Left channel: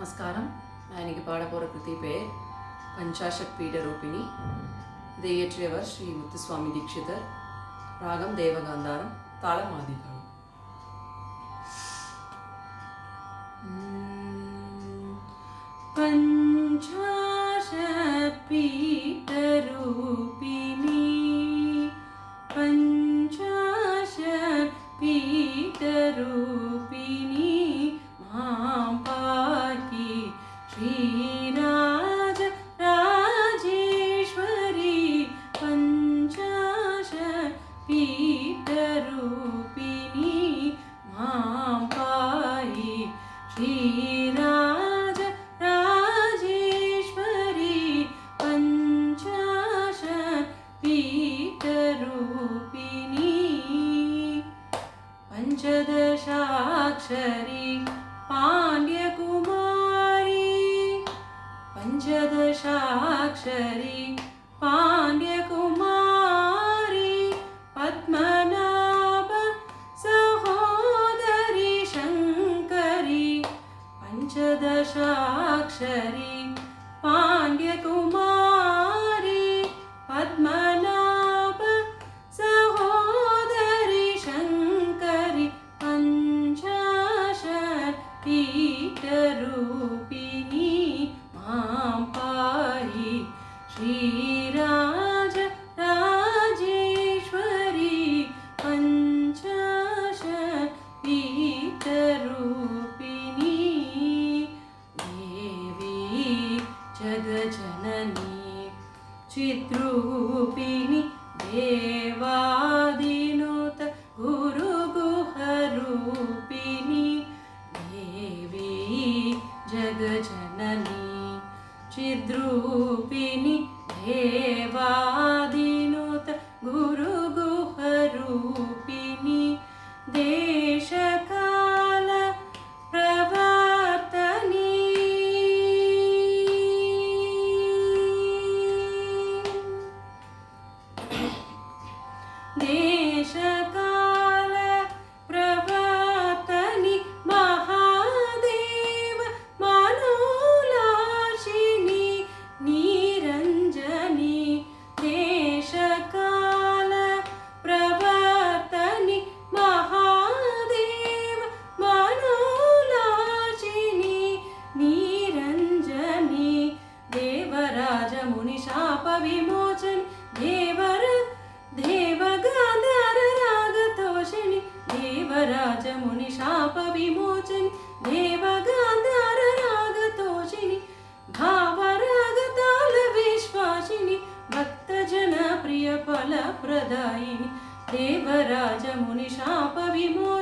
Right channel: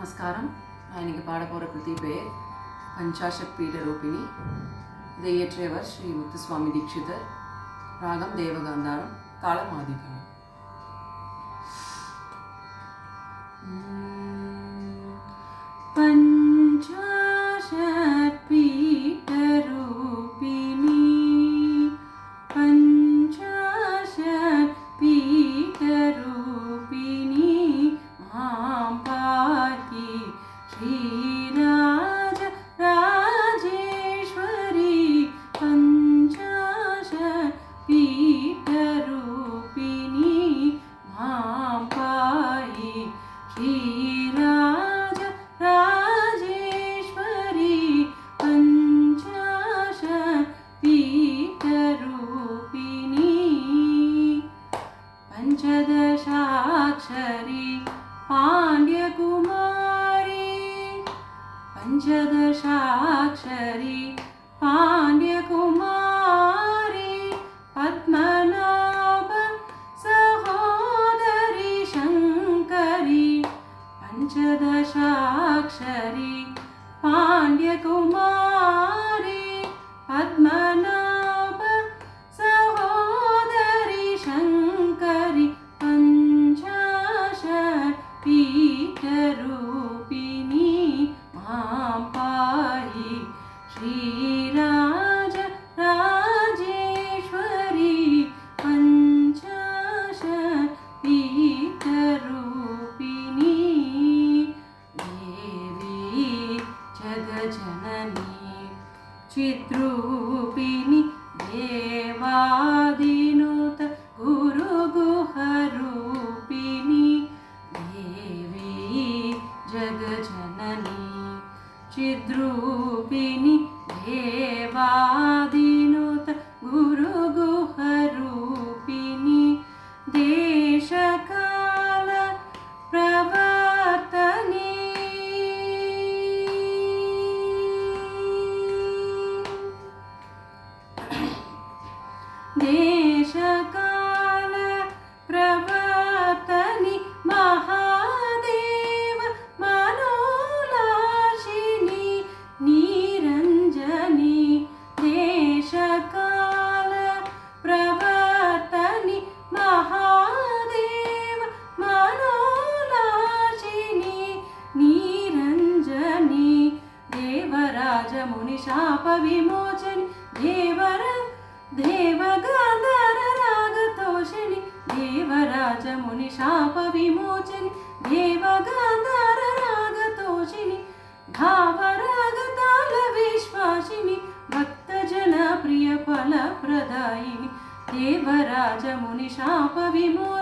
நமஸ்காரம். நான் இன்னைக்கு பாட போகிற கிருதி பேர் பஞ்சாஷத் பீடரூபிணி. இதை இயற்றியவர் ஸ்ரீ முத்துசுவாமி தீட்சிதர். ராகம் தேவகாந்தாரம், தாளம் ஆதிதாளம். பஞ்சாஷத் பீடரூபிணி, பஞ்சாஷத் பீடரூபிணி, श्रीराज राजेश्वरी पञ्चाशत् पीठरूपिणी मां पाहि। श्रीराज राजेश्वरी पञ्चाशत् पीठरूपिणी पञ्चदशाक्षरी पाण्ड्यकुमारी, पञ्चदशाक्षरी पाण्ड्यकुमारी, पद्मनाभ सहोदरी शङ्करी, पञ्चदशाक्षरी पाण्ड्यकुमारी, पद्मनाभ सहोदरी शङ्करी, पञ्चाशत् पीठरूपिणी मां पाहि। श्रीराज राजेश्वरी पञ्चाशत् पीठरूपिणी देवी जगज्जननी चिद्रूपिणी देवादिनुत गुरुगुहरूपिणी देवी जगज्जननी चिद्रूपिणी देवादिनुत गुरुगुहरूपिणी देशकाल प्रवर्तनी देशकाल प्रवर्तनी महादेव मनोलाशिनी निरञ्जनी देशकाल प्रवर्तनी महादेव मनोलाशिनी निरञ्जनी देवराज मुनिशाप विमोचनी देवगान्धार रागतोषिणी देवराज मुनिशाप विमोचनी देवगान्धार रागतोषिणी भावरागताल विश्वासिनी भक्तजन प्रिय फलप्रदायिनी देवराज मुनिशाप विमोचनी